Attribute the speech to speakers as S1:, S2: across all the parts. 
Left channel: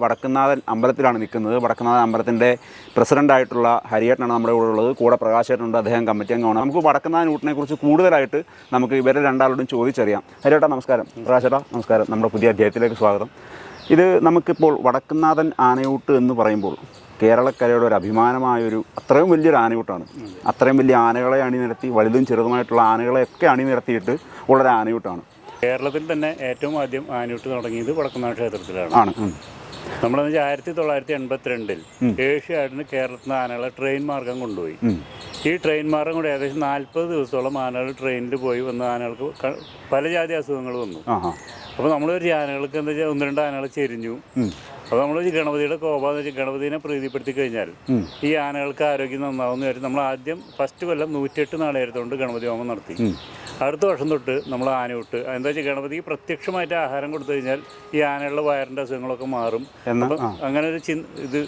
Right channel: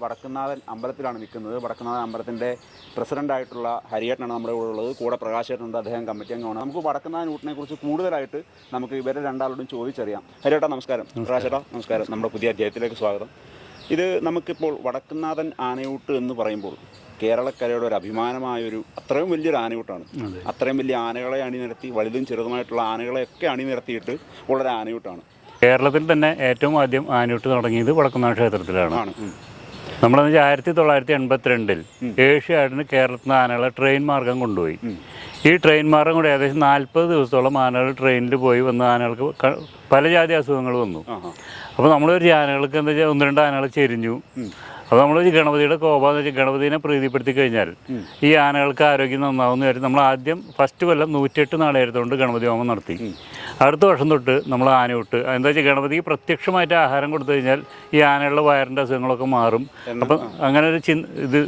S1: വടക്കുന്നാഥൻ അമ്പലത്തിലാണ് നിൽക്കുന്നത്. വടക്കുന്നാഥൻ അമ്പലത്തിന്റെ പ്രസിഡന്റായിട്ടുള്ള ഹരിയേട്ടനാണ് നമ്മുടെ കൂടെ ഉള്ളത്. കൂടെ പ്രകാശേട്ടനുണ്ട് അദ്ദേഹം കമ്മിറ്റി അംഗമാണ്. നമുക്ക് വടക്കുന്നാഥൻ ഊട്ടിനെ കുറിച്ച് കൂടുതലായിട്ട് നമുക്ക് ഇവരെ രണ്ടാളോടും ചോദിച്ചറിയാം. ഹരിയേട്ടാ നമസ്കാരം. പ്രകാശേട്ടാ നമസ്കാരം. നമ്മുടെ പുതിയ അധ്യായത്തിലേക്ക് സ്വാഗതം. ഇത് നമുക്കിപ്പോൾ വടക്കുന്നാഥൻ ആനയൂട്ട് എന്ന് പറയുമ്പോൾ കേരളക്കരയുടെ ഒരു അഭിമാനമായൊരു അത്രയും വലിയൊരു ആനയൂട്ടാണ്. അത്രയും വലിയ ആനകളെ അണിനിരത്തി വലുതും ചെറുതുമായിട്ടുള്ള ആനകളെയൊക്കെ അണിനിരത്തിയിട്ട് ഉള്ളൊരു ആനയൂട്ടാണ്.
S2: കേരളത്തിൽ തന്നെ ഏറ്റവും ആദ്യം ആനയൂട്ട് തുടങ്ങിയത് വടക്കുന്നാഥ ക്ഷേത്രത്തിലാണ്.
S1: ആണ്.
S2: നമ്മളെന്ന് വെച്ചാൽ ആയിരത്തി തൊള്ളായിരത്തി എൺപത്തിരണ്ടിൽ ഏഷ്യാഡിന് കേരളത്തിൽ നിന്ന് ആനകളെ ട്രെയിൻ മാർഗം കൊണ്ടുപോയി. ഈ ട്രെയിൻ മാർഗം കൂടെ ഏകദേശം നാൽപ്പത് ദിവസത്തോളം ആനകൾ ട്രെയിനിൽ പോയി വന്ന ആനകൾക്ക് പല ജാതി അസുഖങ്ങൾ വന്നു. അപ്പോൾ നമ്മൾ ഒരു ആനകൾക്ക് എന്താ വെച്ചാൽ ഒന്ന് രണ്ട് ആനകൾ ചെരിഞ്ഞു. അപ്പോൾ നമ്മൾ ഗണപതിയുടെ കോപാന്ന് വെച്ചാൽ ഗണപതിനെ പ്രീതിപ്പെടുത്തി കഴിഞ്ഞാൽ ഈ ആനകൾക്ക് ആരോഗ്യം നന്നാവുന്ന കാര്യം നമ്മൾ ആദ്യം ഫസ്റ്റ് കൊല്ലം നൂറ്റെട്ട് നാളെടുത്തുകൊണ്ട് ഗണപതി ഹോമം നടത്തി. അടുത്ത വർഷം തൊട്ട് നമ്മൾ ആന വിട്ട്. എന്താ വെച്ചാൽ ഗണപതിക്ക് പ്രത്യക്ഷമായിട്ട് ആഹാരം കൊടുത്തു കഴിഞ്ഞാൽ ഈ ആനകളുടെ വയറിന്റെ അസുഖങ്ങളൊക്കെ മാറും. അപ്പം അങ്ങനെ ഒരു ചിന് ഇത്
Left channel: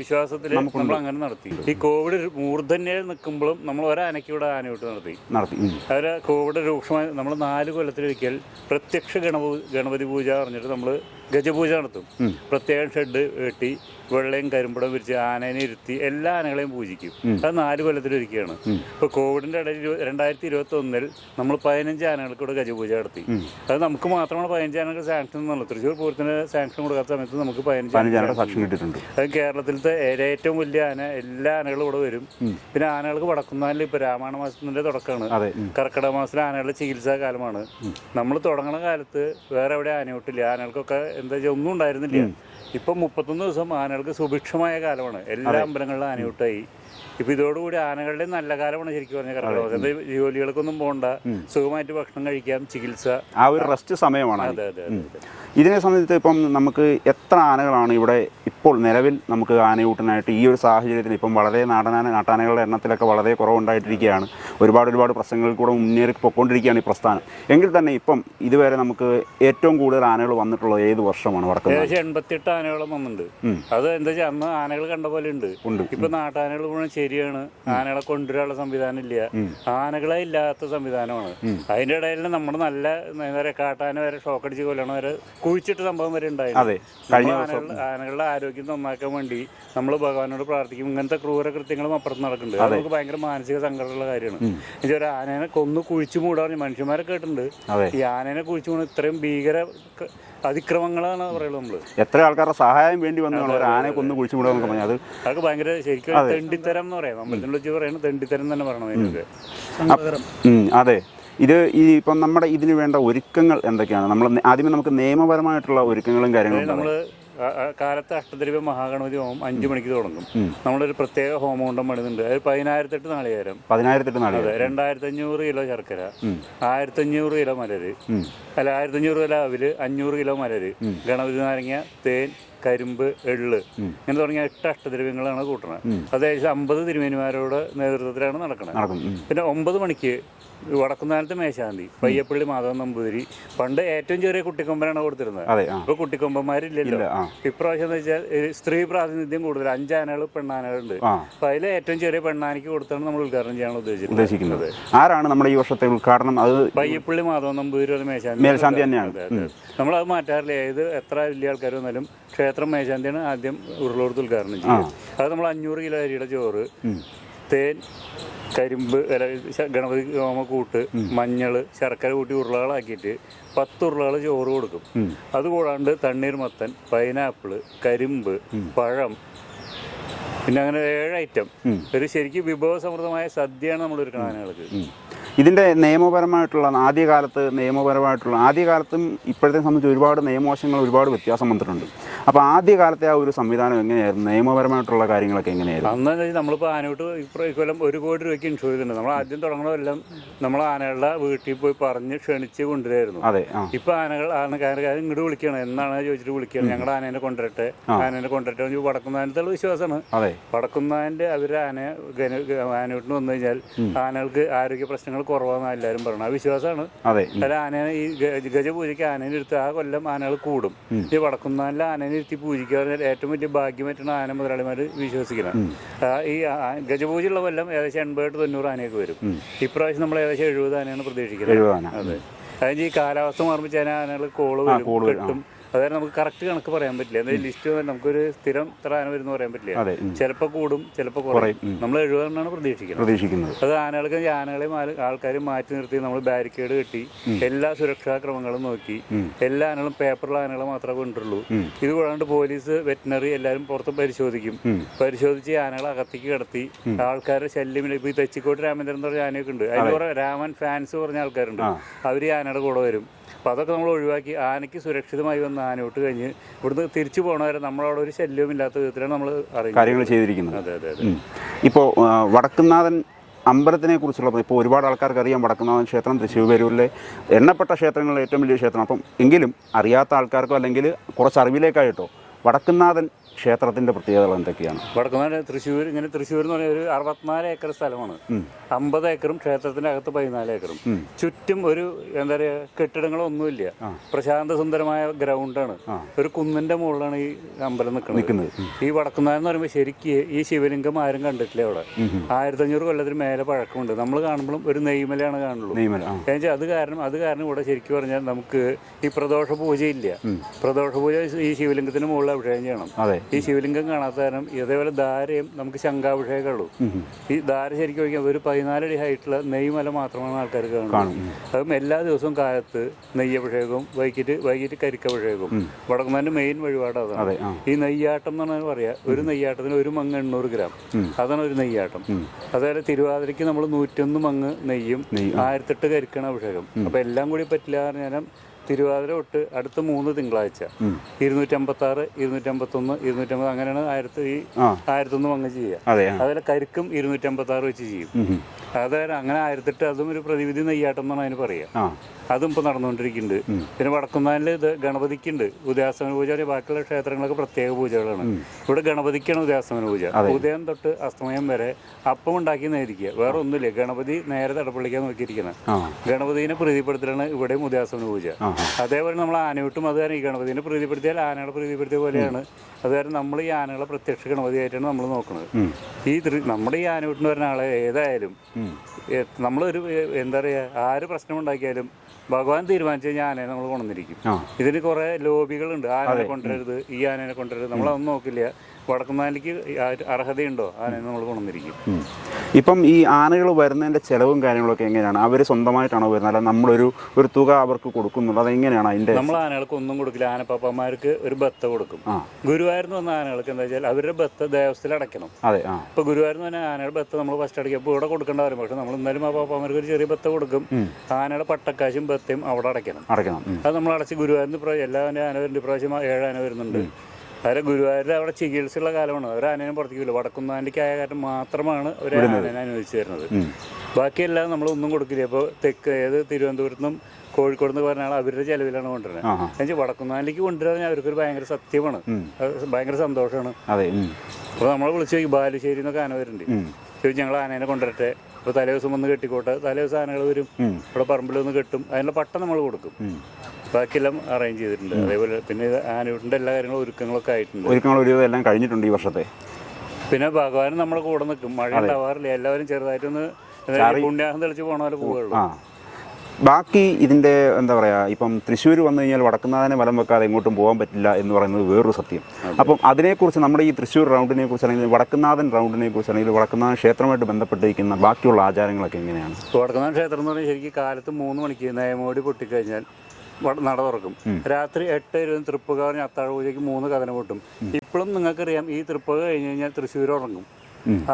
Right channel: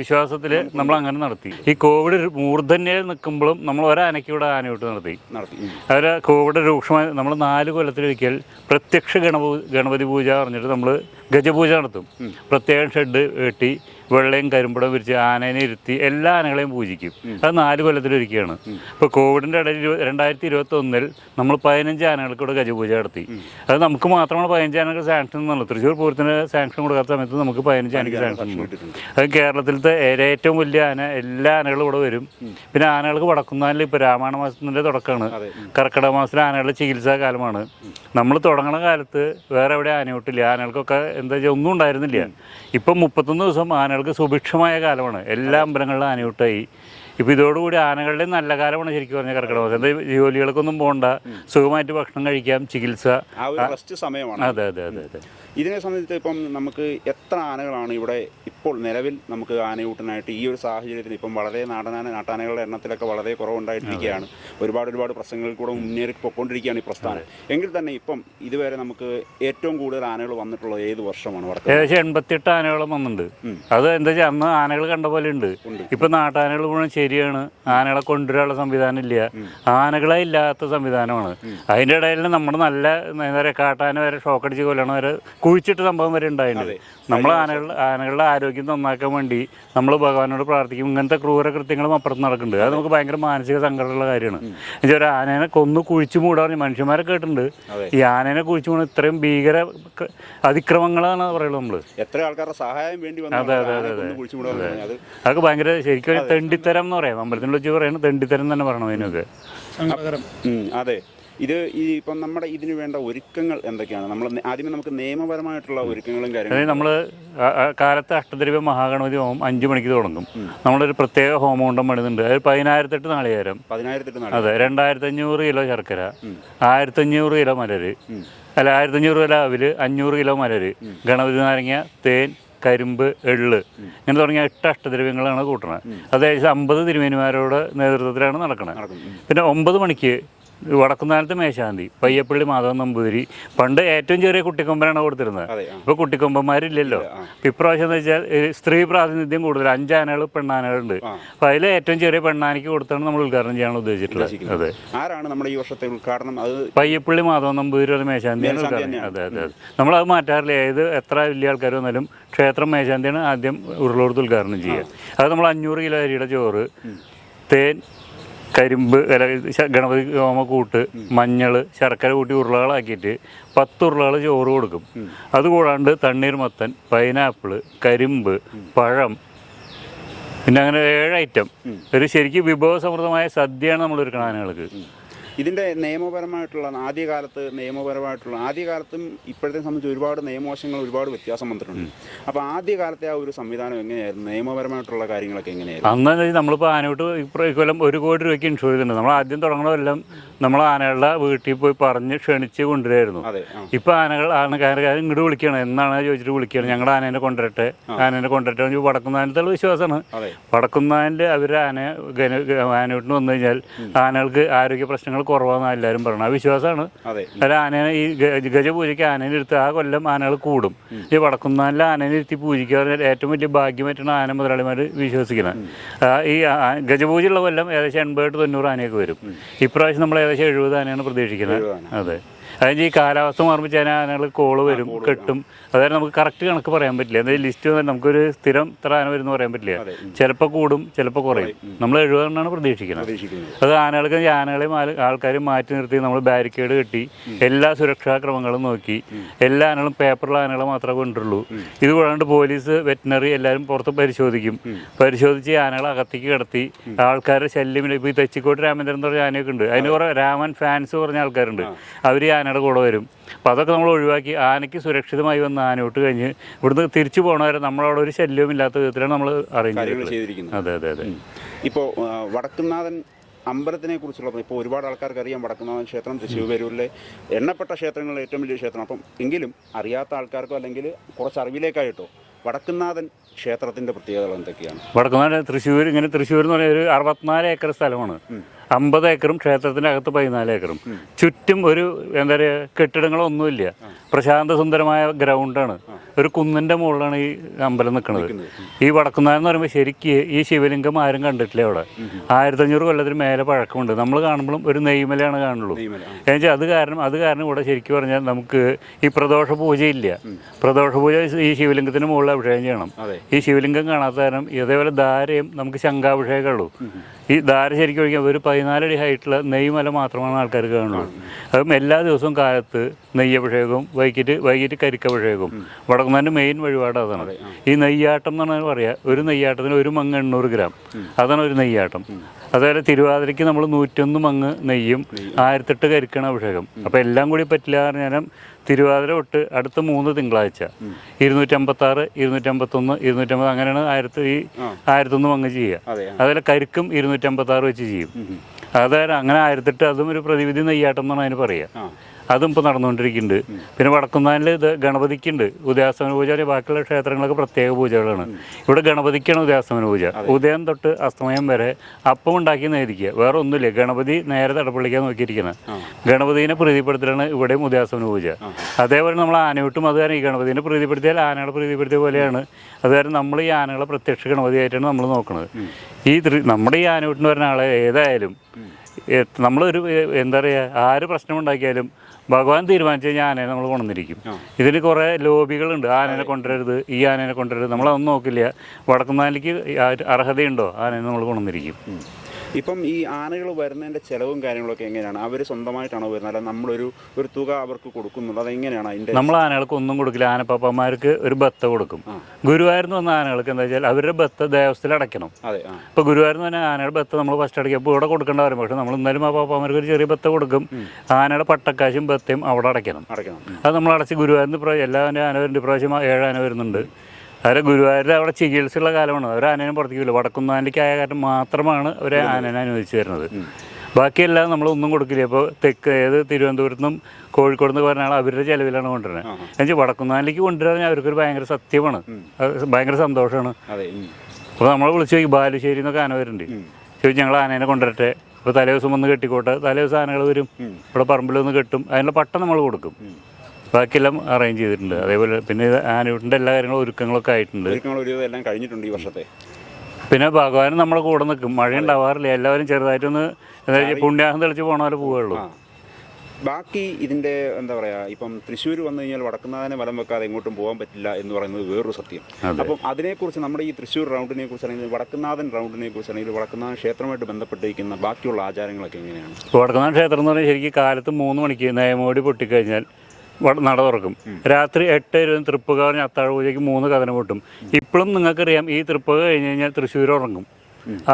S2: വിശ്വാസത്തിൽ നമ്മൾ അങ്ങനെ നടത്തി. ഈ കോവിഡ് മൂർധന്യയിൽ നിൽക്കുമ്പോഴും നമ്മൾ ഒരാനയ്ക്കൂടെ ആന വിട്ട്
S1: നടത്തി. അവരെ
S2: അവർ കോവിഡ് രൂക്ഷമായി നമ്മൾ നാല് കൊല്ലത്തിലൊരിക്കൽ പ്രത്യക്ഷ ഗണപ ഗണപതി പൂജ പറഞ്ഞിട്ട് നമ്മൾ ഗജപൂജ നടത്തും. പ്രത്യേകം ഷെഡ് വെട്ടി വെള്ളയും കരിമ്പടം വിരിച്ച് ആനേനെ ഇരുത്തി എല്ലാ ആനകളെയും പൂജിക്കും. അത് നാല് കൊല്ലത്തിലൊരുക്കുകയാണ് ഇപ്പോൾ കോവിഡിന്റെ ഇടയിൽ രണ്ടായിരത്തി ഇരുപത്തി ഒന്നിൽ നമ്മൾ പതിനഞ്ച് ആനകൾക്ക് ഇവിടെ ഗജപൂജ നടത്തി. അത് നമുക്ക് മാത്രമാണ് പതിനഞ്ച് ആനകൾ സാങ്ഷൻ എന്നുള്ളത് തൃശ്ശൂർ പൂരത്തിന് സാങ്ഷൻ കൊടുക്കാത്ത സമയത്ത് നമുക്ക് പതിനഞ്ച് ആനകൾ അത് കേരളത്തിലത്തെ ഏറ്റവും വലിയ ആന എല്ലാ ആനകളും ഇവിടെ വരും. പിന്നെ ആനകൾക്ക് വടക്കുന്നാലിൽ ഇപ്പോൾ രാമായണ മാസത്തിന്റെ തുടക്കമാണ്. കർക്കിടക മാസത്തിൽ ആനകളുടെ ചികിത്സാ കാലമാണ്. നമ്മൾ തുടങ്ങുന്ന കാലത്ത് വേറെ എവിടെ ആനയോട്ടില്ല. ആനകൾക്കൊക്കെ എന്താ വെച്ചാൽ ഒന്നും ഉണ്ടായിരുന്നില്ല. ഇപ്പം മുപ്പത്തൊന്ന് ദിവസം ആനകൾക്ക് സുഭിക്ഷമായ കാലമാണ്. എല്ലാ അമ്പലങ്ങളിലും ആനയൂട്ടായി. ഇപ്പൊ ഇതോടുകൂടി ആനകളുടെ നല്ല കാലമാണ് ശരിക്കും പറഞ്ഞ കർക്കിടക മാസം. ജോലികൾക്കൊന്നും പോകണ്ട സുഖമായിട്ട് ഭക്ഷണം കഴിക്കാം ചികിത്സ.
S1: ആ ഒരു റെസ്റ്റ് സമയമാണ്.
S2: അതെ അതെ അതെ.
S1: ഇതിനെ സംബന്ധിച്ച് ഇപ്പം നമുക്ക് എത്ര ആനകളാണ് ഇവിടെ ഇപ്പോൾ നിലവിൽ നമുക്ക് ആനയൂട്ടനായിട്ട് ഈ ഒരു സാഹചര്യത്തിൽ ഇപ്പം വളരെ നാടനാന നാട്ടാനകളുടെ എണ്ണത്തിലൊക്കെ വളരെ കുറവുണ്ടായിട്ടിരിക്കുകയാണ്. ഒരുപാട് ഒരുപാട് പ്രശ്നങ്ങളിൽ കൂടെ മുന്നേറി പൊയ്ക്കൊണ്ടിരിക്കുകയാണ് ഈ പ്രസ്ഥാനം. എങ്കിൽ തന്നെ ഇപ്പം ഇതുവരെ നമുക്ക് ഏറ്റവും കൂടുതൽ ആനകൾ വന്നിട്ടുള്ളത് ഏത് വർഷമാണ് വടക്കുന്നത്
S2: ഏകദേശം എൺപത്തിയെട്ട് ആനകളും വന്നിട്ടുണ്ട്. അത് എന്താ വെച്ചാൽ അന്ന് ആനകൾ കണ്ട പോലെ ഉണ്ട്. ഇപ്പൊ നാട്ടാനകൾ മുഴുവൻ ശരിയാണ്. ആനകളെ കൊണ്ടുവരാനുള്ള സംവിധാനം ഇല്ല. ആനകളെ ഇല്ലാത്ത സംവിധാനമാണ്. അതിന്റെ ഇടയിൽ നമ്മൾ നല്ല എന്താ പറയുക കാട്ടാന വരെ ഷോക്കടിച്ച് കൊല്ലണ വരെ കുഴിച്ചിട്ട് സംഭവം വരെ
S1: ഉണ്ടായി
S2: ഉണ്ടായിരുന്നു നമ്മൾ ആനകളുടെ ആനകളുടെ ആരോഗ്യം നന്നാക്കാൻ വേണ്ടി നമ്മൾ ഭഗവാനോട് പ്രാർത്ഥിക്കും. ഇങ്ങനത്തെ ക്രൂര കൃത്യങ്ങളും അപ്പുറത്ത് നടക്കുന്നുണ്ട്. അത് നമുക്ക് ഭയങ്കര മാനസിക സങ്കടമുള്ള കാര്യമാണ്. എന്നുവെച്ചാൽ ഒരു ആനേനെ കൊന്നു കുഴിച്ചു മൂടാൻ മനുഷ്യന്മാരെ കേട്ടിട്ടുണ്ട്. ഈ ആനേനെ കുഴിച്ചു മൂടാൻ ഇത്രയും ഭീകര അതിക്രമങ്ങളാണ് പറയുന്നത് നമ്മൾ.
S1: എത്ര ആൾക്കാരുടെ സഹായം വേണ്ടി വന്നു ആനയെ കൊന്ന് കുഴിച്ചു അത്
S2: അതൊക്കെ ഭയങ്കര ശരിക്കും ഒരു തെണ്ടിത്തരം എന്ന് പറയാം. അമ്പലത്തിനുള്ള വെച്ച് പറയുന്നത് തെണ്ടിത്തരം തന്നെ പറയണം അതിനൊക്കെ.
S1: അതെ. ഇത് ഈ ഇപ്പം നമ്മുടെ ഇതിന് വേണ്ട ഒരുക്കങ്ങൾ എന്തൊക്കെയാണ്? നമ്മൾ ആദ്യമേ നമുക്ക് നിയമപരമായിട്ടുള്ള ഒരുക്കങ്ങളും കാര്യങ്ങളും
S2: നമ്മൾ കാലത്ത് അഷ്ടദ്രവ്യ മഹാഗണപതി ഹോമം അഞ്ചു മണിക്ക് തുടങ്ങും. നമ്മളൊരു പ്രത്യേക ഹോമകുണ്ടം പണിതുണ്ട്. അത് പതിനായിരത്തെട്ട് നാളികേരം.
S1: പതിനായിരത്തെട്ട്
S2: അതെ രണ്ടായിരത്തി അഞ്ഞൂറ് കിലോ ശർക്കര ആയിരത്തി അഞ്ഞൂറ് കിലോ മലര് അല്ല ആയിരത്തി അഞ്ഞൂറ് കിലോ അവിൽ അഞ്ഞൂറ് കിലോ മലര് ഗണപതി നാരങ്ങ തേൻ കരിമ്പ് എള്ള് ഇങ്ങനെ തുടങ്ങിയ എട്ട് അഷ്ടദ്രവ്യങ്ങളാണ് കൂട്ടണത്. അത് ഏകദേശം അമ്പത് തിരുമേനിമാരുടെ നേതൃത്വത്തിലാണ് നടക്കുന്നത് പിന്നെ ഒമ്പത് മണിക്ക് വടക്കുന്നാലത്ത് മേശാന്തി പയ്യപ്പള്ളി മാധവൻ നമ്പൂതിരി പണ്ട് ഏറ്റവും ചെറിയ കുട്ടിക്കൊമ്പനാണ് കൊടുത്തിരുന്നത്. ഇപ്പൊ കുട്ടിക്കൊമ്പന്മാരില്ലല്ലോ. ഇപ്രാവശ്യം എന്ന് വെച്ചാൽ സ്ത്രീ പ്രാതിനിധ്യം കൂടുതൽ അഞ്ചാനകൾ പെണ്ണാനകളുണ്ട്. അപ്പൊ അതിലെ ഏറ്റവും ചെറിയ പെണ്ണാനയ്ക്ക് കൊടുത്താണ് നമ്മൾ ഉദ്ഘാടനം ചെയ്യാൻ ഉദ്ദേശിച്ചിട്ടുള്ളത്.
S1: ഉദ്ദേശിക്കുന്നത്. ആരാണ് നമ്മുടെ ഈ വർഷത്തെ ഉദ്ഘാടനം? അത്
S2: പയ്യപ്പള്ളി മാധവൻ നമ്പൂതിരി അത് മേശാന്തി
S1: നമ്മൾ.
S2: അതെ മാറ്റാറില്ല. ഏത് എത്ര വലിയ ആൾക്കാർ വന്നാലും ക്ഷേത്രം മേശാന്തിയാണ് ആദ്യം ഉരുളോടത്ത് ഉദ്ഘാടനം ചെയ്യുക. അത് നമ്മൾ അഞ്ഞൂറ് കിലോ അരിയുടെ ചോറ് തേൻ കരിമ്പ് അല്ല ശ- ഗണപതി ഹോമ കൂട്ട് മഞ്ഞൾ ശർക്കര കൂട്ടി ഉരുളകളാക്കിയിട്ട് പത്ത് ഉരുളകൾ ചോറ് കൊടുക്കും. അതുകൂടാണ്ട് തണ്ണീർമത്തൻ പൈനാപ്പിൾ കരിമ്പ് പഴം പിന്നെ അങ്ങനെ ഏഴ് ഐറ്റം. ഒരു ശരിക്കും വിഭവസമൃദ്ധമായ സദ്യയാണ് നമ്മൾ ഒരുക്കണം ആനകൾക്ക്
S1: ഇതിന്റെ നിയമപരമായിട്ടുള്ള ആദ്യകാലത്ത് നിയമപരമായിട്ടുള്ള ആദ്യകാലത്തും ഇപ്പോഴത്തെ സംബന്ധിച്ച് ഒരുപാട് നിയമവശങ്ങൾ ഒരുപാട് വ്യത്യാസം വന്നിട്ടുണ്ട്. അപ്പോൾ ആദ്യകാലത്തെ ആ ഒരു സംവിധാനം എങ്ങനെയായിരുന്നു? നിയമപരമായിട്ടുള്ള കാര്യങ്ങളൊക്കെ എങ്ങനെയായിരുന്നു?
S2: അന്ന് നമ്മളിപ്പോൾ ആനയോട്ട് ഇക്കൊല്ലം ഒരു കോടി രൂപയ്ക്ക് ഇൻഷുർ ചെയ്തിട്ടുണ്ട് നമ്മൾ ആദ്യം തുടങ്ങണമെല്ലാം നമ്മൾ ആനകളുടെ വീട്ടിൽ പോയി പറഞ്ഞ് ക്ഷണിച്ച് കൊണ്ടുവരായിരുന്നു
S1: ആനകൾ
S2: ഇപ്പൊ ആനകൾ ആനക്കാരക്കാർ ഇങ്ങോട്ട് വിളിക്കണം. എന്നാണ് ചോദിച്ചിട്ട് വിളിക്കണം. ഞങ്ങളുടെ ആനേനെ കൊണ്ടുവരട്ടെ ആനേനെ കൊണ്ടുവരട്ടെ എന്ന് വടക്കുന്നാനത്തുള്ള വിശ്വാസമാണ്. വടക്കുന്നാനിൽ അവർ ആന ആനയോട്ടിന് വന്നു കഴിഞ്ഞാൽ ആനകൾക്ക് ആരോഗ്യ പ്രശ്നങ്ങൾ കുറവാണെന്ന് എല്ലാവരും പറയണം ആ വിശ്വാസമാണ്. അല്ല ആനേനെ ഈ ഗജപൂജയ്ക്ക് ആനേനെ എടുത്ത് ആ കൊല്ലം ആനകൾ കൂടും. ഈ വടക്കുന്നാനിലെ ആനേനെ ഇരുത്തി പൂജിക്കുക പറഞ്ഞാൽ ഏറ്റവും വലിയ ഭാഗ്യമായിട്ടാണ് ആന മുതലാളിമാർ വിശ്വസിക്കുന്നത്. ഈ ഗജപൂജയുള്ള കൊല്ലം ഏകദേശം എൺപത് തൊണ്ണൂറ് ആനയൊക്കെ വരും. ഇപ്രാവശ്യം നമ്മൾ ഏകദേശം എഴുപത് ആനയാണ് പ്രതീക്ഷിക്കുന്നത്. അതെ. അതായത് ഈ കാലാവസ്ഥ മാറുമ്പോൾ ചില ആനകൾ കോൾ വരും. കെട്ടും. അതായത് നമുക്ക് കറക്റ്റ് കണക്ക് പറയാൻ പറ്റില്ല. എന്തായാലും ലിസ്റ്റ് നമുക്കൊരു സ്ഥിരം ഇത്ര ആന വരുന്ന പറയാൻ പറ്റില്ല. ചിലപ്പോൾ കൂടും ചിലപ്പോൾ കുറയും. നമ്മൾ എഴുപതെണ്ണാണ് പ്രതീക്ഷിക്കുന്നത്.
S1: പ്രതീക്ഷിക്കുന്നത്.
S2: അത് ആനകൾക്ക് ആനകളെ ആൾക്കാർ മാറ്റി നിർത്തി നമ്മൾ ബാരിക്കേഡ് കെട്ടി എല്ലാ സുരക്ഷാ ക്രമങ്ങളും നോക്കി എല്ലാ ആനകളും പേപ്പറിലെ ആനകളെ മാത്രമേ കൊണ്ടുള്ളൂ ഇത് കൂടാണ്ട് പോലീസ് വെറ്റിനറി എല്ലാവരും പുറത്ത് പരിശോധിക്കും. പരിശോധിച്ച് ഈ ആനകളെ അകത്തേക്ക് കിടത്തി ആൾക്കാരുടെ ശല്യം ഇപ്പോൾ ഈ തെച്ചിക്കോട്ട് രാമേന്ദ്രൻ എന്ന് പറഞ്ഞ ആനയൊക്കെ ഉണ്ട്. അതിന് കുറേ രാമൻ ഫാൻസ് പറഞ്ഞ ആൾക്കാരുണ്ട്. അവർ ഈ ആനയുടെ കൂടെ വരും. അപ്പം അതൊക്കെ നമ്മൾ ഒഴിവാക്കി. ആനയ്ക്ക് സുരക്ഷിതമായി വന്ന് ആനയോട്ട് കഴിഞ്ഞ് ഇവിടുന്ന് തിരിച്ചു പോകണവരെ നമ്മളവിടെ ഒരു ശല്യവും ഇല്ലാത്ത വിധത്തിലാണ് നമ്മൾ
S1: കാര്യങ്ങൾ ചെയ്തിരിക്കുന്നത്.
S2: അതെ അതെ അതെ.
S1: ഇപ്പോൾ വടക്കുന്നാഥൻ അമ്പലത്തിനെ കുറിച്ചുള്ള ഇപ്പോൾ ഒരുപാട് ആൾക്കാർക്ക് അറിയാം. വടക്കുന്നാഥൻ ക്ഷേത്രം തൃശ്ശൂർ പേരൂരിലെ എണ്ണപ്പെട്ട ക്ഷേത്രങ്ങളിൽ ഏറ്റവും വലിയ ക്ഷേത്രം. അപ്പം എങ്കിലും അറിയാത്ത ആൾക്കാർക്കോ അല്ലെങ്കിൽ കുറച്ച് അറിവിലേക്കായിട്ടോ വടക്കുന്നാഥൻ ക്ഷേത്രത്തിന്റെ പ്രത്യേകതകൾ എന്തൊക്കെയാണ്?
S2: വടക്കുന്നാട് തൃശ്ശൂർ ഇങ്ങനെ തൃശ്ശൂർ എന്ന് പറയുന്ന ഒരു അറുപത്തിനാല് ഏക്കർ സ്ഥലമാണ്. അമ്പത് ഏക്കറും ക്ഷേത്രത്തിന്റെ അകത്ത് പതിനാല് ഏക്കറും. ചുറ്റും ഒരു എന്താ പറയുക കെട്ടിടങ്ങളൊന്നുമില്ല. പ്രശാന്ത സുന്ദരമായ ഗ്രൗണ്ടാണ് ഒരു കുന്നിന്റെ മുകളിലാണ് ഈ അമ്പലം നിൽക്കുന്നത്. ഈ വടക്കുന്നാട് എന്ന് പറയുമ്പോൾ ശരിക്ക് ഈ ശിവലിംഗം ആരും കണ്ടിട്ടില്ല അവിടെ. ആയിരത്തഞ്ഞൂറ് കൊല്ലത്തിന് മേലെ പഴക്കമുണ്ട്. നമ്മൾ കാണുമ്പോഴും ഒരു നെയ്മലയാണ് കാണുള്ളൂ. എന്നുവെച്ചാൽ അത് കാരണം അത് കാരണം ഇവിടെ ശരിക്കും പറഞ്ഞാൽ നമുക്ക് ഈ പ്രദോഷ പൂജയില്ല. പ്രദോഷ പൂജ ഈ ശിവലിംഗത്തിന് മുകളിൽ അഭിഷേകം ചെയ്യണം.
S1: അതെ.
S2: ഈ ശിവലിംഗം കാണാത്ത കാരണം ഇതേപോലെ ധാരയും നമുക്ക് ശങ്കാഭിഷേകമുള്ളൂ ഈ ധാര ശരിക്കും ഒഴിക്കാൻ ഒരു പതിനാലടി ഹൈറ്റുള്ള നെയ്മല മാത്രമാണ് ആൾക്കാർ കാണുന്നത്. അപ്പം എല്ലാ ദിവസവും കാലത്ത് നെയ്യഭിഷേകവും വൈകിട്ട് വൈകിട്ട് കരിക്കഭിഷേകവും വടക്കുന്നതിന്റെ മെയിൻ വഴിപാട് അതാണ്. ഈ നെയ്യാട്ടം എന്നാണ് പറയാ ഒരു നെയ്യാട്ടത്തിന് ഒരു മങ്ങ് എണ്ണൂറ് ഗ്രാം. അതാണ് ഒരു നെയ്യാട്ടം. അതുപോലെ തിരുവാതിരയ്ക്ക് നമ്മൾ നൂറ്റൊന്ന് മങ്ങ് നെയ്യും ആയിരത്തെട്ട് കരിക്കണ അഭിഷേകം. അപ്പം എല്ലാം കൂടി പറ്റില്ല പറഞ്ഞാൽ തിരുവാതിര തൊട്ട് അടുത്ത മൂന്ന് തിങ്കളാഴ്ച. ഇരുന്നൂറ്റമ്പത്തി ആറ് ഇരുന്നൂറ്റമ്പത്തൊന്ന് ഇരുന്നൂറ്റമ്പത് അങ്ങനെയാണ് ആയിരത്തി. ആയിരത്തൊന്ന് പങ്ക് ചെയ്യുക.
S1: അതെ
S2: അതുപോലെ കരിക്കും ഇരുന്നൂറ്റമ്പത്തി ആറ് വെച്ച് ചെയ്യും. അതായത് അങ്ങനെ ആയിരത്തെട്ട് അതും ഒരു പ്രതിവിധി നെയ്യാട്ടം എന്നാണ് അതിന് പറയുക. അതും ഇപ്പോൾ നടന്നുകൊണ്ടിരിക്കുന്നുണ്ട്. പിന്നെ വടക്കുന്നാലിൽ ഇത് ഗണപതിക്കുണ്ട്. ഉദയാസ്തമന പൂജ അല്ലെങ്കിൽ ബാക്കിയുള്ള ക്ഷേത്രങ്ങളൊക്കെ പ്രത്യേക പൂജകളാണ്. ഇവിടെ ഗണപതിക്കാണ് ഉദയാസ്തമന പൂജ. ഉദയം തൊട്ട് അസ്തമയം വരെ അപ്പം ഉണ്ടാക്കി നേരിക്കുക വേറെ ഒന്നുമില്ല. ഗണപതി നേരെ തടപ്പള്ളിക്കാൻ നോക്കിയിരിക്കുന്നത്. ഗണപതിനെ പ്രീതിപ്പെടുത്തലാണ് ഇവിടെയും ഉദയാസ്തമന പൂജ. അതേപോലെ നമ്മൾ ആനയോട്ടും അത് കാരണം ഈ ഗണപതിനെ പ്രീതിപ്പെടുത്തിയാൽ ആനകളെ പ്രീതിപ്പെടുത്തിയ പോലെയാണ്. അതുകാരണം നമ്മൾ ഈ ആനകളെ പ്രത്യക്ഷ ഗണപതിയായിട്ടാണ് നമ്മൾ നോക്കുന്നത് ഈ നമ്മുടെ ഈ ആനയൂട്ടിന് വരുന്ന ആളെ ഏതായാലും നമ്മളൊരു എന്താ പറയുക ആര് പ്രശ്നമുണ്ടാക്കിയാലും ഭഗവാൻ തീരുമാനിച്ചു കഴിഞ്ഞാൽ ആനയെ നമ്മൾ കൊണ്ടുവന്നിരിക്കും. ഇതിന് കുറേ ലോബികളുണ്ട്. ആനനെ കൊണ്ടുവരരുത് ഈ ആനനെ കൊണ്ടുവരരുത്. നമ്മളതൊന്നും നോക്കില്ല. വടക്കുന്നാലിക്ക് അർഹതയുണ്ടോ ആനയെ നമ്മൾ കൊണ്ടുവന്നിരിക്കും.
S1: ഇപ്പം ഈ ആനകൾ വരുന്നതിന്റെ ചിലവും കാര്യങ്ങളൊക്കെ എങ്ങനെയാണ്? അവർ സ്വന്തമായിട്ടാണോ വരുന്നത്? അല്ല നമ്മളൊരു ഒരു തുക അവർക്ക് കൊടുക്കുന്നുണ്ട് അതെങ്ങനെയാണ് അതിന്റെ
S2: നമ്മൾ ആനകൾക്ക് ഒന്നും കൊടുക്കില്ല. ആനപ്പാപ്പന്മാർക്ക് ഒരു ബത്ത കൊടുക്കും. ഗുരുവായൂർന്ന് വന്ന ആനകൾക്ക് എന്താ വെച്ചാൽ അവരുടെ ബത്ത ദേവസ്ഥയിൽ അടയ്ക്കണം.
S1: അതെ ഇപ്പൊ
S2: ഇപ്പോൾ ഗുരുവായൂർ തന്നെ ആനയുടെ ബത്ത നമ്മൾ ഫസ്റ്റ് അടയ്ക്കും. അപ്പോൾ ഇവിടെ കൊടുക്കേണ്ട വരും പക്ഷേ നമ്മൾ എന്തായാലും ആ പാപ്പാമാർക്ക് ഒരു ചെറിയ ബത്ത കൊടുക്കും. ആനയുടെ പട്ടക്കാശും ബത്തയും അവിടെ അടയ്ക്കണം.
S1: അടയ്ക്കണം.
S2: അത് നമ്മൾ അടച്ച് ഗുരുവായൂരിന്റെ പ്രാവശ്യം എല്ലാ ആനവരിന്റെ പ്രാവശ്യം ഏഴ് ആന വരുന്നുണ്ട്. അവരെ ഗുരുവായൂരിൽ അവിടെ ചികിത്സയുള്ള കാലമാണ്. അവർ ആനേനെ പുറത്തേക്കില്ല. വടക്കുന്നാലിലേക്ക് ആയ കാരണം മാത്രമാണ് അവർ ആനേനെ അനുവദിച്ചു തരുന്നത്. ബാക്കിയെല്ലാം നമ്മൾ ഒന്നും കൊടുക്കില്ല. ഇപ്പോൾ തെക്ക് ഏത് തിരുവനന്തപുരത്ത് നിന്നും കോഴിക്കോട് നിന്ന് പറഞ്ഞാൽ അവരുടെ ചിലവിലാണ് കൊണ്ടുവരുന്നത്. എന്നുവെച്ചാൽ വടക്കുന്നാലിലേക്ക് കൊണ്ടുവരാൻ അവർക്കൊരു ഭയങ്കര സത്യമാണ്. ഭയങ്കര സന്തോഷമാണ്. അപ്പോൾ നമ്മളെ വിളിച്ചു ബാലുശ്ശേരി എന്നൊക്കെ ആന വരുന്നുണ്ട്. ഞങ്ങൾ ആനേനെ കൊണ്ടുവരട്ടെ? ഇപ്പോൾ തലേ ദിവസം വന്ന് കെട്ടിക്കോട്ടെ തലേ ദിവസം ആനകൾ വരും. ഇവിടെ പറമ്പിൽ ഒന്ന് കെട്ടും. അതിനുള്ള പട്ടം നമ്മൾ കൊടുക്കും. ബാക്കിയെല്ലാം അറേഞ്ച് ചെയ്തിട്ടുണ്ട്. അതേപോലെ പിന്നെ ആനയുടെ എല്ലാ കാര്യങ്ങളും ഒരുക്കങ്ങളൊക്കെ ആയിട്ടുണ്ട്.
S1: ഒരുക്കങ്ങൾ ഒരു എല്ലാം കഴിഞ്ഞിട്ടുണ്ട് ഈ വർഷത്തെ.
S2: പിന്നെ ഭഗവാൻ നമ്മളെ കൂടെ നിൽക്കും. മഴ ഉണ്ടാവാറില്ല. എല്ലാവരും ചെറുതായിട്ടൊന്ന് പുണ്യാഹം തെളിച്ച് പോണ പോലെ പോവുള്ളൂ
S1: ബാക്കി ഇതിന്റെ എന്താ പറയുക ഇപ്പം തൃശ്ശൂർ വന്നു കഴിഞ്ഞാൽ വടക്കുന്നാഥനെ വലം വെക്കാതെ എങ്ങോട്ടും പോകാൻ പറ്റില്ല എന്ന് പറയുന്നത് വേറൊരു സത്യം. അപ്പം അതിനെക്കുറിച്ച് നമ്മുടെ ഈ തൃശ്ശൂർ റൗണ്ടിനെ കുറിച്ചാണെങ്കിൽ വടക്കുന്നാഥൻ റൗണ്ടിനെ കുറിച്ചാണെങ്കിൽ വടക്കുന്നാഥൻ ക്ഷേത്രമായിട്ട് ബന്ധപ്പെട്ടിരിക്കുന്ന ബാക്കിയുള്ള ആചാരങ്ങളൊക്കെ എങ്ങനെയാണ്?
S2: വടക്കുന്നാഥ ക്ഷേത്രം എന്ന് പറഞ്ഞാൽ ശരിക്കും കാലത്ത് മൂന്ന് മണിക്ക് നയമോടി പൊട്ടിക്കഴിഞ്ഞാൽ നട തുറക്കും. രാത്രി എട്ട് ഇരുപത് തൃപ്പുക പറഞ്ഞ അത്താഴ പൂജയ്ക്ക് മൂന്ന് കഥന പൊട്ടും. ഇപ്പോഴും നിങ്ങൾക്കറിയാം ഈ തൃപ്പുക കഴിഞ്ഞ് കഴിഞ്ഞാൽ തൃശ്ശൂർ ഉറങ്ങും.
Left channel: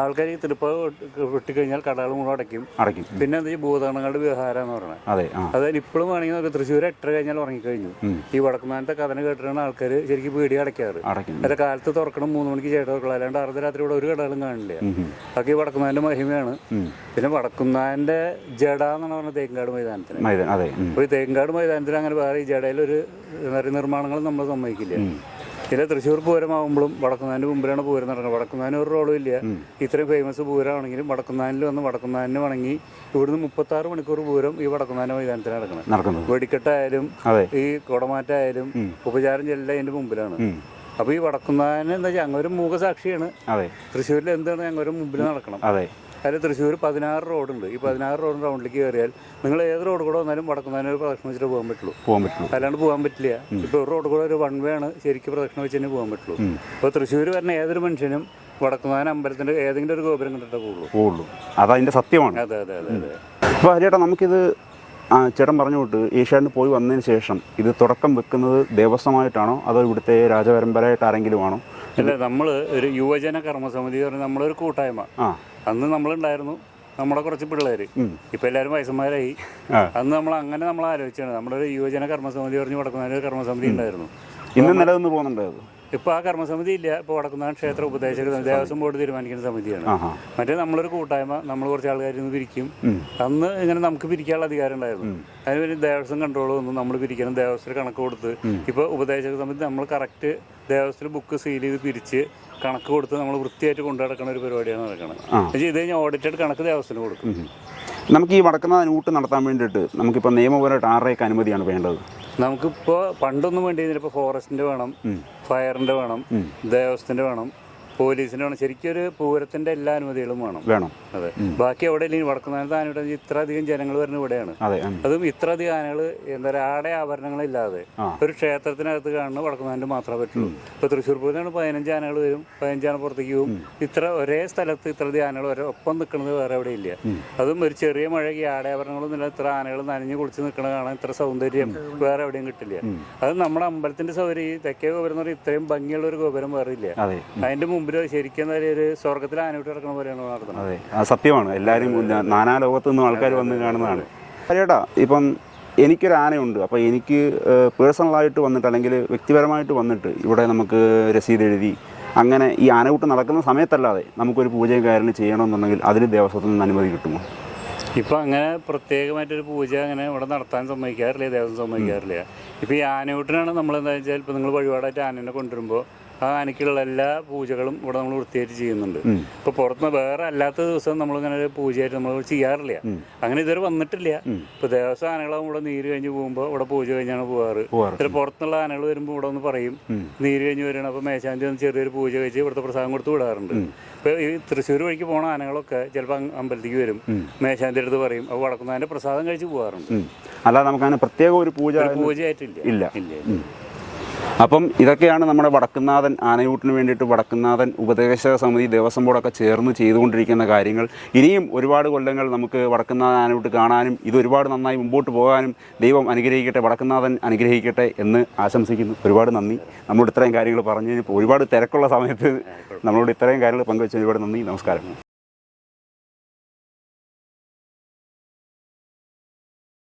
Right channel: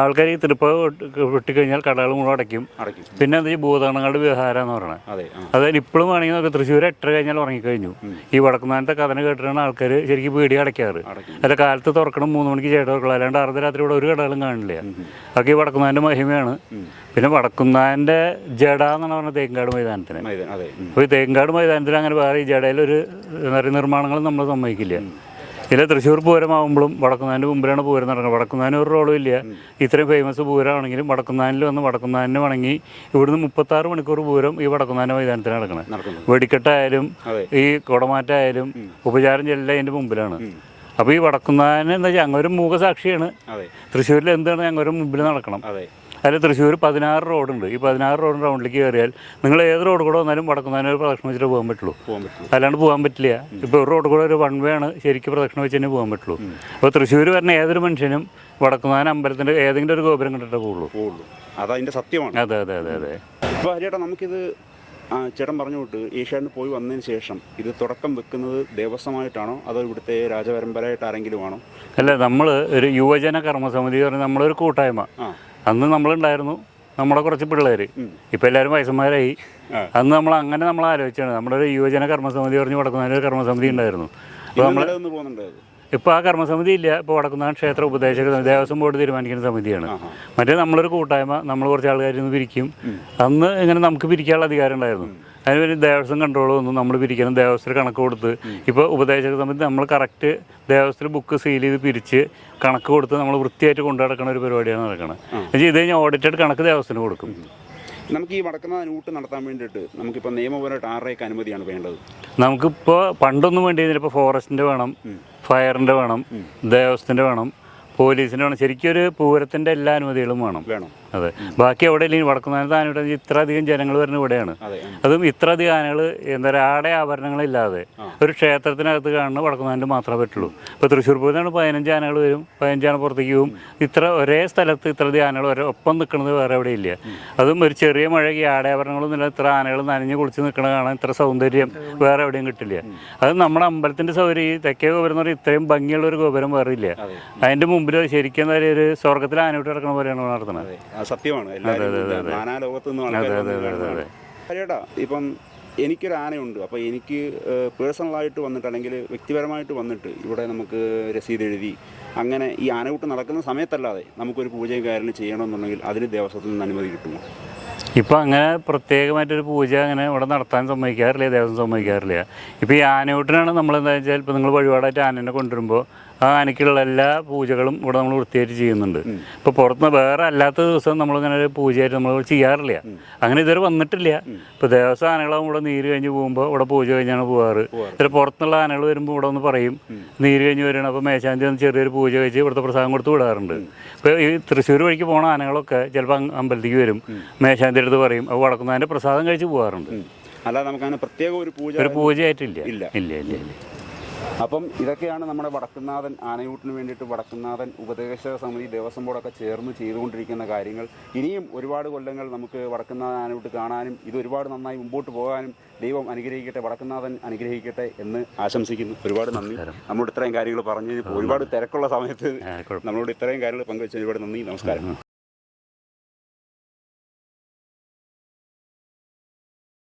S2: ആൾക്കാർ ഈ തൃപ്പ വിട്ടിക്കഴിഞ്ഞാൽ കടകൾ മുഴുവൻ അടയ്ക്കും.
S1: അടയ്ക്കും.
S2: പിന്നെ എന്താ ഈ ഭൂതഗണങ്ങളുടെ വ്യവഹാരം എന്ന് പറയുന്നത്
S1: അതെ
S2: അതായത് ഇപ്പോഴും വേണമെങ്കിൽ നമുക്ക് തൃശ്ശൂർ എട്ടര കഴിഞ്ഞാൽ ഉറങ്ങിക്കഴിഞ്ഞു. ഈ വടക്കുന്നാനത്തെ കഥന കേട്ടിട്ടാണ് ആൾക്കാർ ശരിക്കും പീടി അടയ്ക്കാറ്.
S1: അടയ്ക്കും.
S2: അല്ല കാലത്ത് തുറക്കണം മൂന്ന് മണിക്ക് ചേട്ടൻ തുറക്കണം. അല്ലാണ്ട് അർദ്ധരാത്രി ഇവിടെ ഒരു കടകളും കാണില്ല. അതൊക്കെ ഈ വടക്കുന്നാന്റെ മഹിമയാണ്. പിന്നെ വടക്കുന്നാന്റെ ജഡ എന്നാണ് പറഞ്ഞത് തേങ്കാട് മൈതാനത്തിന്.
S1: അപ്പൊ അതെ.
S2: അപ്പോൾ ഈ തേങ്കാട് മൈതാനത്തിൽ അങ്ങനെ വേറെ ഈ ജഡയിലൊരു നിർമ്മാണങ്ങളും പറയുക നമ്മൾ സമ്മതിക്കില്ല ഇല്ല തൃശ്ശൂർ പൂരമാകുമ്പോഴും വടക്കുന്നാന്റെ മുമ്പിലാണ് പൂരം നടക്കുന്നത്. വടക്കുന്നാൻ ഒരു റോളും ഇല്ല. ഇത്രയും ഫേമസ് പൂരമാണെങ്കിലും വടക്കുന്നാനിൽ വന്ന് വടക്കുന്നാനിന് വണങ്ങി ഇവിടുന്ന് മുപ്പത്താറ് മണിക്കൂർ പൂരം ഈ വടക്കുന്നാന്റെ മൈതാനത്തിന് നടക്കണം. വെടിക്കെട്ടായാലും ഈ കുടമാറ്റായാലും ഉപചാരം ചെല്ലാം അതിന്റെ മുമ്പിലാണ്.
S1: അപ്പൊ
S2: അപ്പോൾ ഈ വടക്കുന്നാൻ എന്താ വെച്ചാൽ അങ്ങൊരു മൂകസാക്ഷിയാണ്. തൃശ്ശൂരിൽ എന്താണ് അങ്ങൊരു മുമ്പിൽ നടക്കണം.
S1: അതെ.
S2: അതിൽ തൃശ്ശൂർ പതിനാറ് റോഡുണ്ട്. ഈ പതിനാറ് റോഡ് റൗണ്ടിലേക്ക് കയറിയാൽ നിങ്ങൾ ഏത് റോഡ് കൂടെ വന്നാലും വടക്കുന്നതിന് ഒരു പ്രദക്ഷിണം വെച്ചിട്ട് പോകാൻ പറ്റുള്ളൂ.
S1: പോകാൻ പറ്റുള്ളൂ.
S2: അല്ലാണ്ട് പോകാൻ പറ്റില്ല. ഇപ്പോൾ ഒരു റോഡ് കൂടെ ഒരു വൺ വേ ആണ് ശരിക്കും പ്രദക്ഷിണം വെച്ച് തന്നെ പോകാൻ പറ്റുള്ളൂ. അപ്പോൾ തൃശ്ശൂർ വരുന്ന ഏതൊരു മനുഷ്യനും വടക്കുന്നാൻ അമ്പലത്തിന്റെ ഏതെങ്കിലും ഒരു ഗോപുരം കണ്ടിട്ടേ പോകുള്ളൂ
S1: പോകുള്ളൂ അതതിന്റെ സത്യമാണ്.
S2: അതെ അതെ അതെ അതെ.
S1: അപ്പോൾ ഹരിയേട്ടാ നമുക്കിത് ആ, ചേട്ടൻ പറഞ്ഞു വിട്ട് പോയി വന്നതിന് ശേഷം ഇത് തുടക്കം വെക്കുന്നത് ദേവസ്വമായിട്ടാണോ അതോ ഇവിടുത്തെ രാജപരമ്പരയായിട്ട് ആരെങ്കിലും ആണോ?
S2: അല്ല നമ്മൾ ഒരു യുവജന കർമ്മസമിതി പറഞ്ഞാൽ നമ്മളൊരു കൂട്ടായ്മ.
S1: ആ.
S2: അന്ന് നമ്മളുണ്ടായിരുന്നു. നമ്മുടെ കുറച്ച് പിള്ളേർ. ഇപ്പം എല്ലാവരും വയസ്സന്മാരായി. അന്ന് നമ്മൾ അങ്ങനെ നമ്മൾ ആലോചിച്ചാണ് നമ്മുടെ ഒരു യുവജന കർമ്മസമിതി പറഞ്ഞ് വടക്കുന്നാൻ ഒരു കർമ്മസമിതി ഉണ്ടായിരുന്നു.
S1: ഇന്ന്
S2: ഇപ്പോൾ ആ കർമ്മസമിതി ഇല്ല ഇപ്പോൾ വടക്കുന്നാൻ ക്ഷേത്ര ഉപദേശക ദേവസ്വം ബോർഡ് തീരുമാനിക്കുന്ന സമിതിയാണ്. മറ്റേ നമ്മളൊരു കൂട്ടായ്മ നമ്മൾ കുറച്ച് ആൾക്കാർ നിന്ന് പിരിക്കും. അന്ന് ഇങ്ങനെ നമുക്ക് പിരിക്കാനുള്ള അധികാരം ഉണ്ടായിരുന്നു. അതിന് ദേവസ്വം കൺട്രോൾ വന്നു. നമ്മൾ പിരിക്കണം ദേവസ്വത്തിൽ കണക്ക് കൊടുത്ത്. ഇപ്പോൾ ഉപദേശക സമിതി നമ്മൾ കറക്റ്റ് ദേവസ്വത്തിൽ ബുക്ക് സീൽ ചെയ്ത് പിരിച്ച് കണക്ക് കൊടുത്ത് നമ്മൾ വൃത്തിയായിട്ട് കൊണ്ടു നടക്കുന്ന ഒരു പരിപാടിയാണ് നടക്കുന്നത് എന്ന് ഇത് കഴിഞ്ഞാൽ ഓഡിറ്റഡ് കണക്ക് ദേവസ്വത്തിന് കൊടുക്കും.
S1: നമുക്ക് ഈ വടക്കുന്ന ഊട്ട് നടത്താൻ വേണ്ടിയിട്ട് നമുക്കിപ്പോൾ നിയമപരമായിട്ട് ആറേക്ക് അനുമതിയാണ് വേണ്ടത്?
S2: നമുക്കിപ്പോൾ പണ്ടൊന്നും വേണ്ടി ഇപ്പോൾ ഫോറസ്റ്റിന്റെ വേണം. ഫയറിന്റെ വേണം ദേവസ്വത്തിന്റെ വേണം പോലീസിന്റെ വേണം ശരിക്കും ഒരു പൂരത്തിന്റെ എല്ലാ അനുമതികളും വേണം.
S1: വേണം.
S2: അതെ. ബാക്കി എവിടെ ഇല്ലെങ്കിൽ വടക്കുന്നാനത്ത് ആനയുടെ ഇത്ര അധികം ജനങ്ങൾ വരുന്ന ഇവിടെയാണ്.
S1: അതെ
S2: ഇത്ര അധികം ആനകൾ എന്താ പറയുക ആടെ ആഭരണങ്ങളില്ലാതെ ഒരു ക്ഷേത്രത്തിനകത്ത് കാണുന്ന വടക്കുന്നതിന് മാത്രമേ പറ്റുള്ളൂ. ഇപ്പൊ തൃശ്ശൂർ പൂരത്തിനാണ് പതിനഞ്ച് ആനകൾ വരും. പതിനഞ്ചാന പുറത്തേക്ക് പോകും ഇത്ര ഒരേ സ്ഥലത്ത് ഇത്ര അധികം ആനകൾ വരെ ഒപ്പം നിൽക്കുന്നത് വേറെ എവിടെ ഇല്ല. അതും ഒരു ചെറിയ മഴയ്ക്ക് ആടെ ആഭരണങ്ങളും ഇല്ല ഇത്ര ആനകൾ നനഞ്ഞു കുളിച്ച് നിൽക്കണ കാണാൻ ഇത്ര സൗന്ദര്യം വേറെ എവിടെയും കിട്ടില്ല. അത് നമ്മുടെ അമ്പലത്തിന്റെ സൗകര്യം ഈ തെക്കേ ഗോപുരം എന്ന് പറഞ്ഞാൽ ഇത്രയും ഭംഗിയുള്ള ഒരു ഗോപുരം വേറെ ഇല്ല.
S1: അതിന്റെ
S2: അതിന്റെ മുമ്പിൽ ശരിക്കും ഒരു സ്വർഗത്തിൽ ആനവിട്ട് കിടക്കുന്ന പോലെയാണ് നടത്തുന്നത്.
S1: സത്യമാണ്. എല്ലാവരും നാനാ ലോകത്തു നിന്നും ആൾക്കാർ വന്ന് കാണുന്നതാണ്. ചേട്ടാ ഇപ്പം എനിക്കൊരു ആനയുണ്ട്. അപ്പോൾ എനിക്ക് പേഴ്സണലായിട്ട് വന്നിട്ട് അല്ലെങ്കിൽ വ്യക്തിപരമായിട്ട് വന്നിട്ട് ഇവിടെ നമുക്ക് രസീത് എഴുതി അങ്ങനെ ഈ ആനകൂട്ട് നടക്കുന്ന സമയത്തല്ലാതെ നമുക്കൊരു പൂജയും കാര്യങ്ങൾ ചെയ്യണമെന്നുണ്ടെങ്കിൽ അതിന് ദേവസ്വത്തിൽ നിന്ന് അനുമതി കിട്ടുമോ?
S2: ഇപ്പം അങ്ങനെ പ്രത്യേകമായിട്ടൊരു പൂജ അങ്ങനെ ഇവിടെ നടത്താൻ സമ്മതിക്കാറില്ല ദേവസ്വം സമ്മതിക്കാറില്ല. ഇപ്പോൾ ഈ ആനയൂട്ടിനാണ് നമ്മൾ എന്താ വെച്ചാൽ ഇപ്പോൾ നിങ്ങൾ വഴിപാടായിട്ട് ആനനെ കൊണ്ടുവരുമ്പോൾ ആ ആനയ്ക്കുള്ള എല്ലാ പൂജകളും ഇവിടെ നമ്മൾ വൃത്തിയായിട്ട് ചെയ്യുന്നുണ്ട്. ഇപ്പൊ പുറത്തുനിന്ന് വേറെ അല്ലാത്ത ദിവസം നമ്മൾ ഇങ്ങനെ ഒരു പൂജയായിട്ട് നമ്മൾ ചെയ്യാറില്ല. അങ്ങനെ ഇതുവരെ വന്നിട്ടില്ല. ഇപ്പൊ ദേവസ്വം ആനകളാവും ഇവിടെ നീര് കഴിഞ്ഞ് പോകുമ്പോൾ ഇവിടെ പൂജ കഴിഞ്ഞാണ് പോവാറ്.
S1: ഇത്ര
S2: പുറത്തുള്ള പുറത്തുനിന്നുള്ള ആനകൾ വരുമ്പോൾ ഇവിടെ ഒന്ന് പറയും നീര് കഴിഞ്ഞ് വരണം അപ്പോൾ മേശാന്തി ഒന്ന് ചെറിയൊരു പൂജ കഴിച്ച് ഇവിടുത്തെ പ്രസാദം കൊടുത്ത് വിടാറുണ്ട്. ഇപ്പോൾ ഈ തൃശ്ശൂർ വഴിക്ക് പോണ ആനകളൊക്കെ ചിലപ്പോൾ അമ്പലത്തിലേക്ക് വരും. മേശാന്തി അടുത്ത് പറയും അപ്പോൾ വടക്കുന്നതിന്റെ പ്രസാദം കഴിച്ച് പോകാറുണ്ട്
S1: അല്ലാതെ നമുക്കതിന് പ്രത്യേക ഒരു പൂജ
S2: ഒരു പൂജയായിട്ടില്ല.
S1: ഇല്ല.
S2: ഇല്ല ഇല്ല
S1: അപ്പം ഇതൊക്കെയാണ് നമ്മുടെ വടക്കുന്നാഥൻ ആനയൂട്ടിന് വേണ്ടിയിട്ട് വടക്കുന്നാഥൻ ഉപദേശക സമിതി ദേവസ്വം ബോർഡൊക്കെ ചേർന്ന് ചെയ്തുകൊണ്ടിരിക്കുന്ന കാര്യങ്ങൾ. ഇനിയും ഒരുപാട് കൊല്ലങ്ങൾ നമുക്ക് വടക്കുന്നാഥൻ ആനയൂട്ട് കാണാനും ഇത് ഒരുപാട് നന്നായി മുമ്പോട്ട് പോകാനും ദൈവം അനുഗ്രഹിക്കട്ടെ വടക്കുന്നാഥൻ അനുഗ്രഹിക്കട്ടെ എന്ന് ആശംസിക്കുന്നു. ഒരുപാട് നന്ദി. നമ്മളോട് ഇത്രയും കാര്യങ്ങൾ പറഞ്ഞു ഒരുപാട് തിരക്കുള്ള സമയത്ത് നമ്മളോട് ഇത്രയും കാര്യങ്ങൾ പങ്കുവച്ചതിന് ഒരുപാട് നന്ദി. നമസ്കാരം.